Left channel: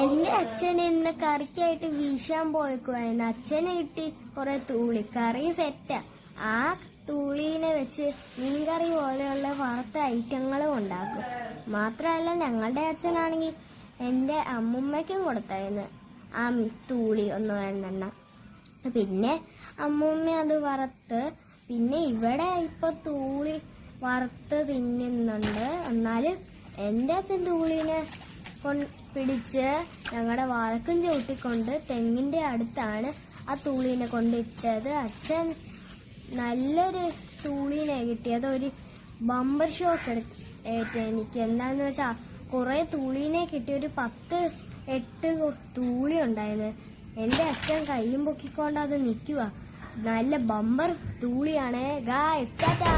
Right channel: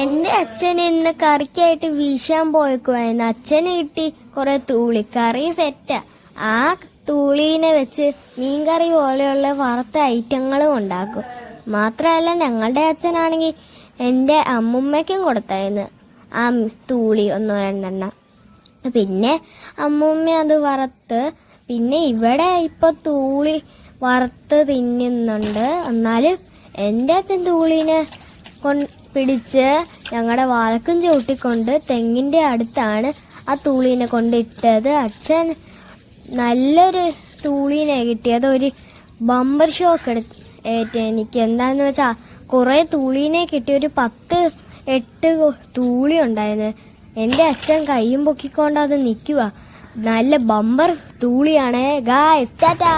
എന്റെ അച്ഛൻ ഇന്ന് കറിക്കായിട്ട് വീശാൻ പോയേക്കുവായിരുന്നു. അച്ഛന് കിട്ടി കുറെ തൂളി. കറി സെറ്റാ. ആ തൂളീനെ വെച്ച് മീൻകറി പോലെയുള്ള വറുത്ത ഐറ്റങ്ങളും ഉണ്ടാക്കും. മാത്രമല്ല ഞങ്ങളുടെ അച്ഛനാണെങ്കിൽ എൻ്റെ അമ്മുമ്മയ്ക്കും കൊടുത്തായിരുന്നു ആ തൂളി 1-2 പിന്നെ അമ്മൂമ്മ അത് വറുത്ത്. പിന്നെ ഇവിടെ ഇപ്പൊ തൂളി വറുത്ത് തിന്നുന്നുണ്ട്. എന്നാലും എൻ്റെ അച്ഛൻ തൂളിനെ പിടിച്ച് ഞങ്ങളുടെ വാലക്കും ചവിട്ടിക്കൊണ്ട് തെങ്ങിന്റെ അടുത്താണ് ആ തൂളീനെ കൊണ്ടിട്ടത്. അച്ഛൻ നല്ലൊരു തൂളീനെ കിട്ടിയത്. ഒരു ബമ്പർ ഷോക്ക് ഏറ്റ് എനിക്ക്. എന്താന്ന് വെച്ചാ കുറെ തൂളീനെ കിട്ടി. ഒരു 10-8 തൂളി ഉണ്ടായിരുന്നു. എൻ്റെ അച്ഛൻ കയ്യും പൊക്കിക്കൊണ്ട് അത് നിൽക്കുക. നല്ല ബമ്പർ തൂളിയാണ്. ഗായ്സ് ടാറ്റാ.